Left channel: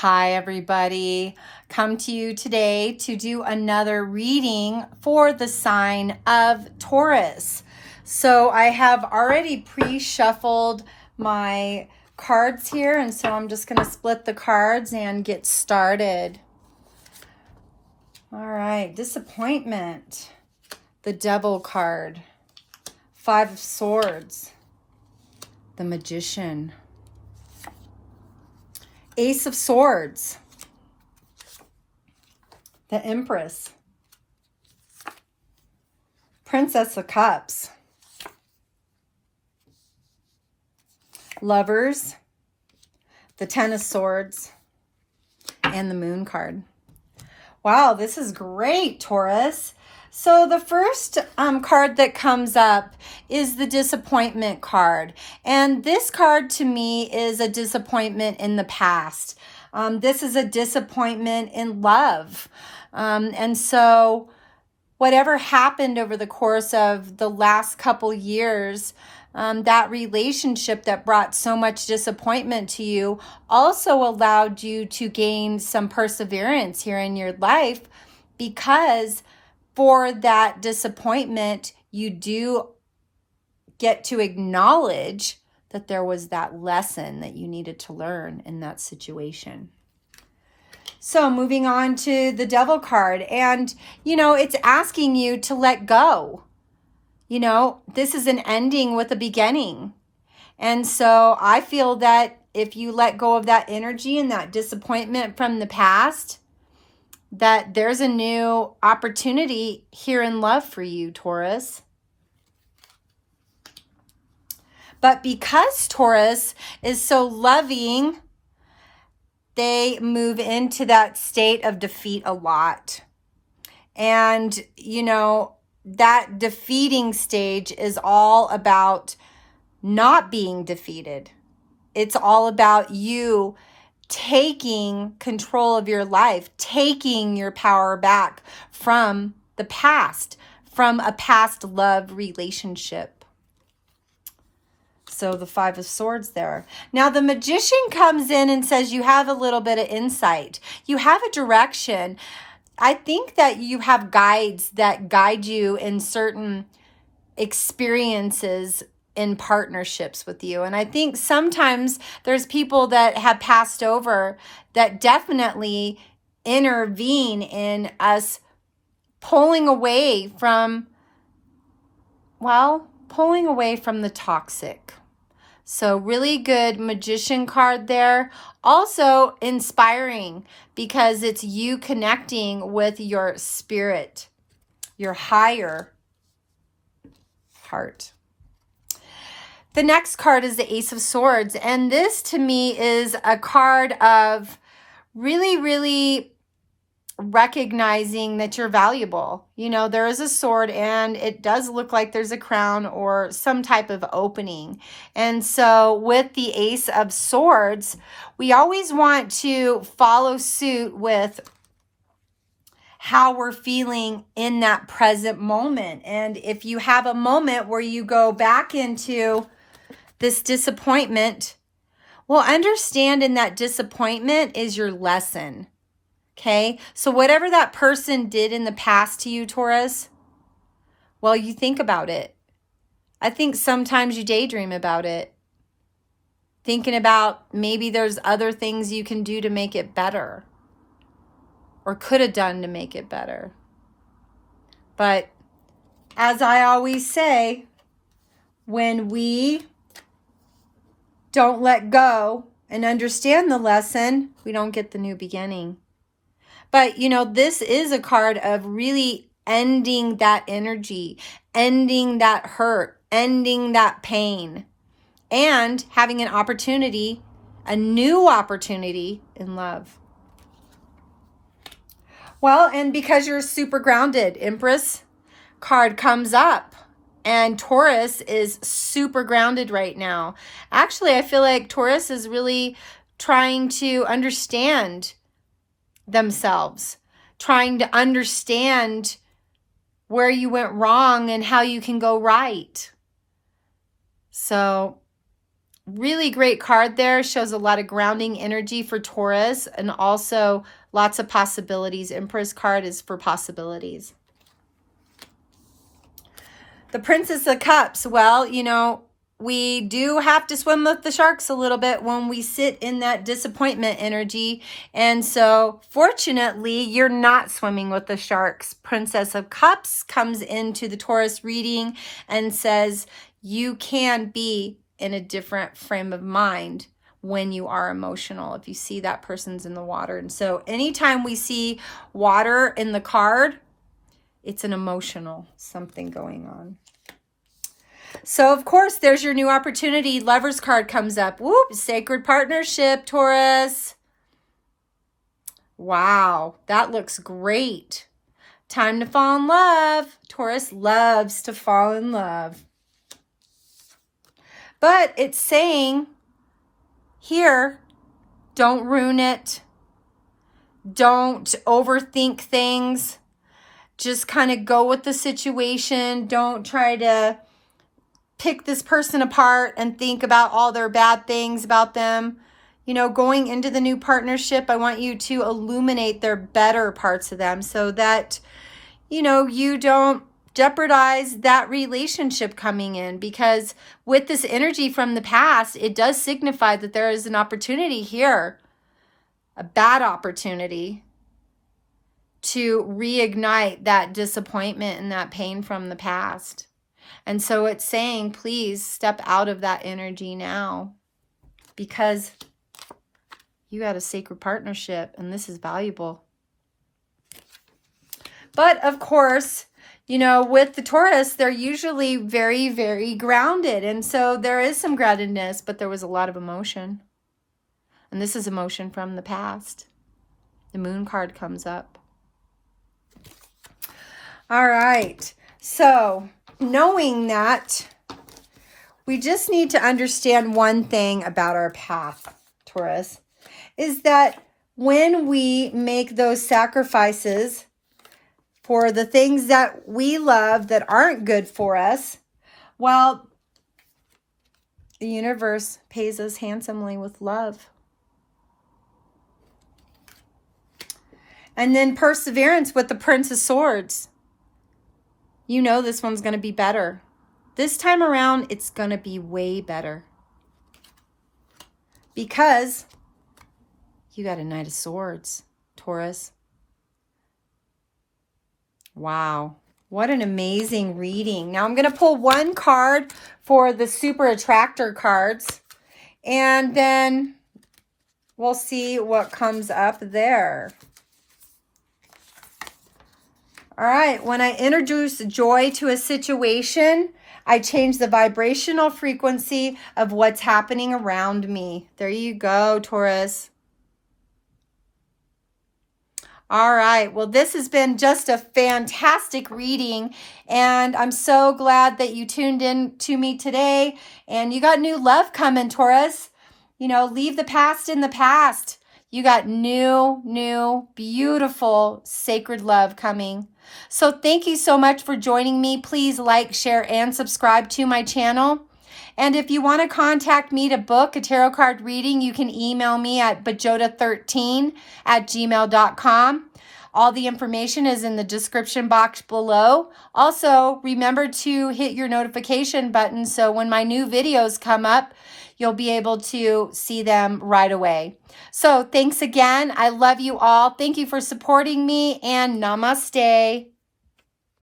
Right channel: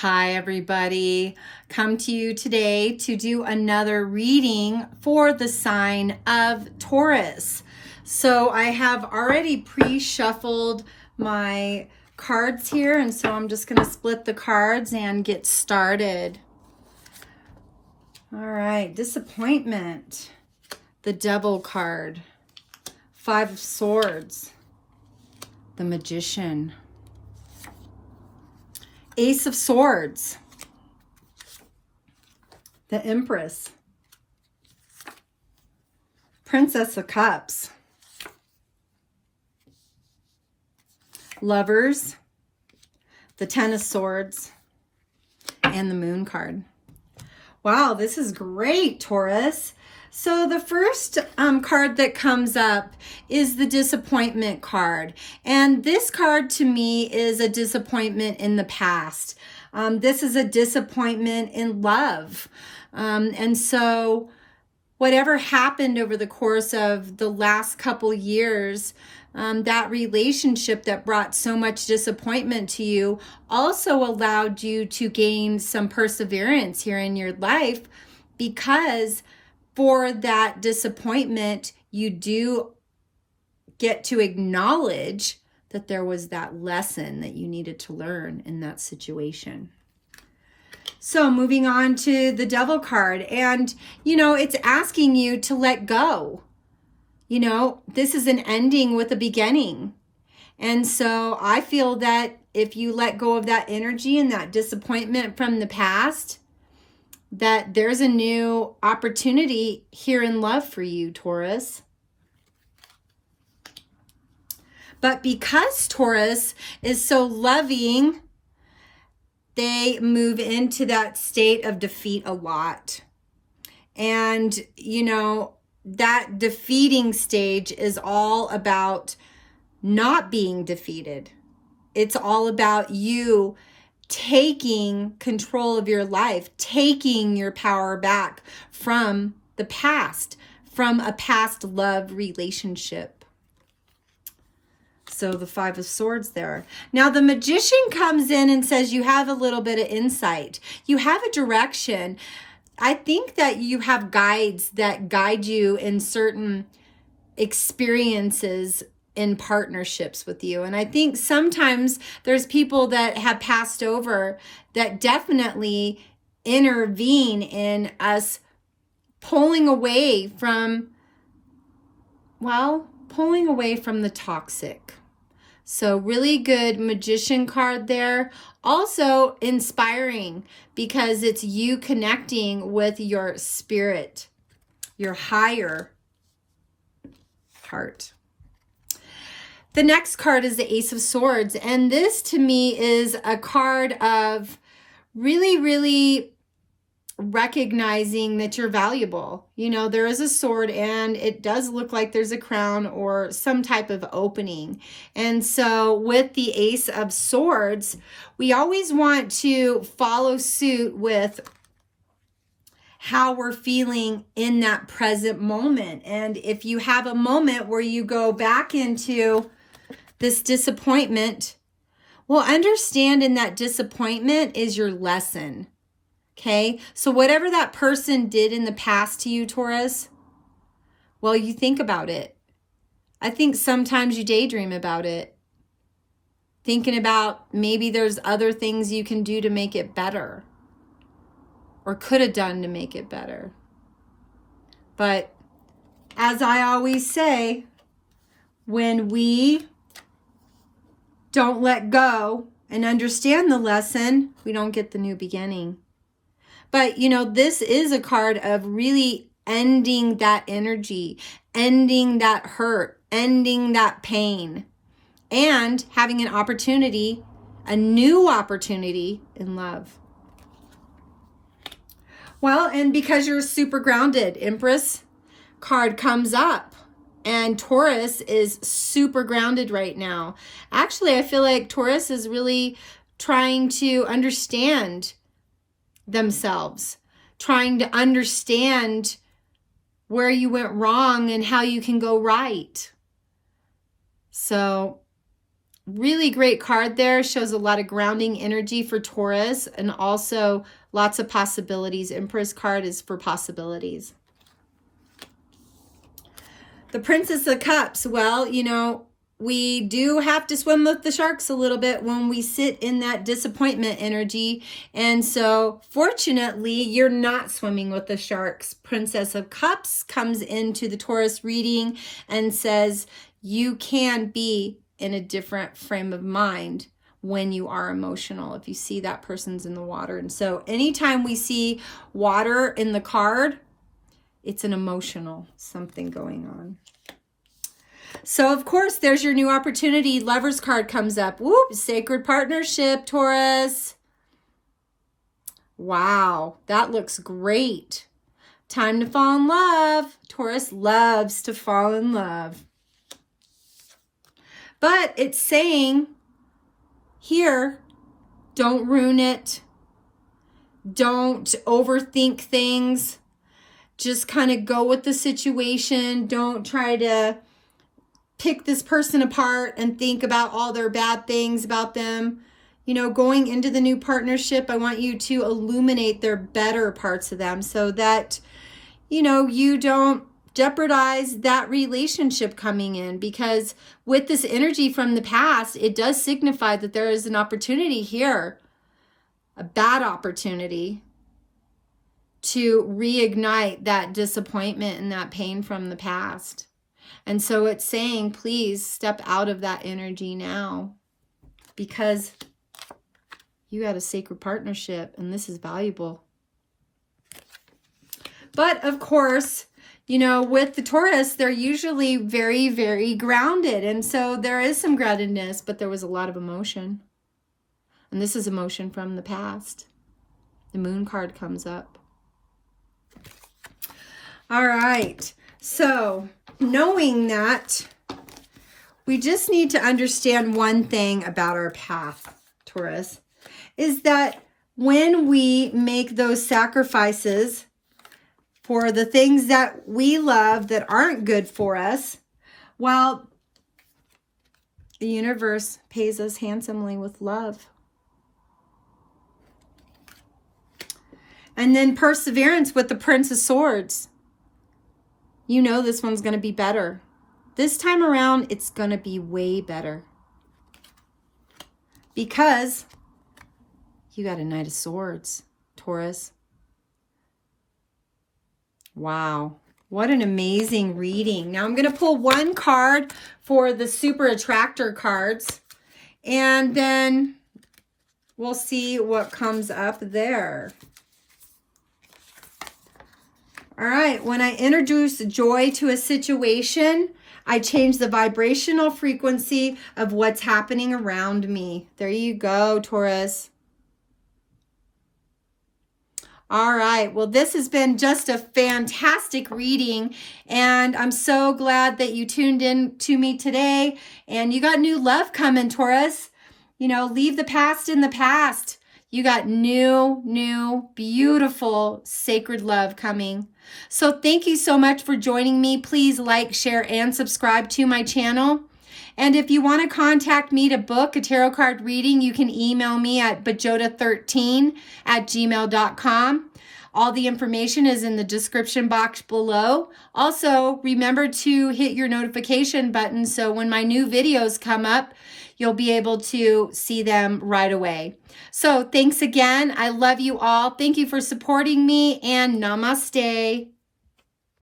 Hi, everybody. Come to you today to do another reading for the sign of Taurus. So I have already pre-shuffled my cards here, and so I'm just going to split the cards and get started. All right, disappointment, the Devil card, Five of Swords, the Magician, Ace of Swords, the Empress, Princess of Cups, Lovers, the Ten of Swords, and the Moon card. Wow, this is great, Taurus. So the first card that comes up is the disappointment card. And this card to me is a disappointment in the past. This is a disappointment in love. And so whatever happened over the course of the last couple years, that relationship that brought so much disappointment to you also allowed you to gain some perseverance here in your life, because for that disappointment, you do get to acknowledge that there was that lesson that you needed to learn in that situation. So moving on to the Devil card, and it's asking you to let go. This is an ending with a beginning. And so I feel that if you let go of that energy and that disappointment from the past, that there's a new opportunity here in love for you, Taurus. But because Taurus is so loving, they move into that state of defeat a lot. And, that defeating stage is all about not being defeated. It's all about you taking control of your life, taking your power back from the past, from a past love relationship. So the Five of Swords there. Now the Magician comes in and says you have a little bit of insight. You have a direction. I think that you have guides that guide you in certain experiences in partnerships with you. And I think sometimes there's people that have passed over that definitely intervene in us pulling away from the toxic. So really good Magician card there. Also inspiring, because it's you connecting with your spirit, your higher heart. The next card is the Ace of Swords. And this to me is a card of really, really recognizing that you're valuable. There is a sword and it does look like there's a crown or some type of opening. And so with the Ace of Swords, we always want to follow suit with how we're feeling in that present moment. And if you have a moment where you go back into this disappointment, well, understand in that disappointment is your lesson. Okay? So whatever that person did in the past to you, Taurus, well, you think about it. I think sometimes you daydream about it. Thinking about maybe there's other things you can do to make it better, or could have done to make it better. But as I always say, when we don't let go and understand the lesson, we don't get the new beginning. But, this is a card of really ending that energy, ending that hurt, ending that pain, and having an opportunity, a new opportunity in love. Well, and because you're super grounded, Empress card comes up, and Taurus is super grounded right now. Actually, I feel like Taurus is really trying to understand themselves, trying to understand where you went wrong and how you can go right. So really great card there. Shows a lot of grounding energy for Taurus and also lots of possibilities. Empress card is for possibilities. The Princess of Cups. Well, you know, we do have to swim with the sharks a little bit when we sit in that disappointment energy. And so fortunately, you're not swimming with the sharks. Princess of Cups comes into the Taurus reading and says you can be in a different frame of mind when you are emotional, if you see that person's in the water. And so anytime we see water in the card, it's an emotional something going on. So, of course, there's your new opportunity. Lover's card comes up. Whoop, sacred partnership, Taurus. Wow, that looks great. Time to fall in love. Taurus loves to fall in love. But it's saying here, don't ruin it. Don't overthink things. Just kind of go with the situation. Don't try to pick this person apart and think about all their bad things about them. You know, going into the new partnership, I want you to illuminate their better parts of them so that, you know, you don't jeopardize that relationship coming in, because with this energy from the past, it does signify that there is an opportunity here, a bad opportunity, to reignite that disappointment and that pain from the past. And so it's saying, please step out of that energy now, because you got a sacred partnership and this is valuable. But of course, you know, with the Taurus, they're usually very, very grounded. And so there is some groundedness, but there was a lot of emotion. And this is emotion from the past. The Moon card comes up. All right. So knowing that, we just need to understand one thing about our path, Taurus, is that when we make those sacrifices for the things that we love that aren't good for us, well, the universe pays us handsomely with love. And then perseverance with the Prince of Swords. You know this one's going to be better. This time around, it's going to be way better. Because you got a Knight of Swords, Taurus. Wow, what an amazing reading. Now I'm going to pull one card for the Super Attractor cards, and then we'll see what comes up there. All right, when I introduce joy to a situation, I change the vibrational frequency of what's happening around me. There you go, Taurus. All right, well, this has been just a fantastic reading, and I'm so glad that you tuned in to me today, and you got new love coming, Taurus. You know, leave the past in the past. You got new, beautiful, sacred love coming. So thank you so much for joining me. Please like, share, and subscribe to my channel. And if you want to contact me to book a tarot card reading, you can email me at bajota13@gmail.com. All the information is in the description box below. Also, remember to hit your notification button so when my new videos come up, you'll be able to see them right away. So thanks again. I love you all. Thank you for supporting me, and namaste.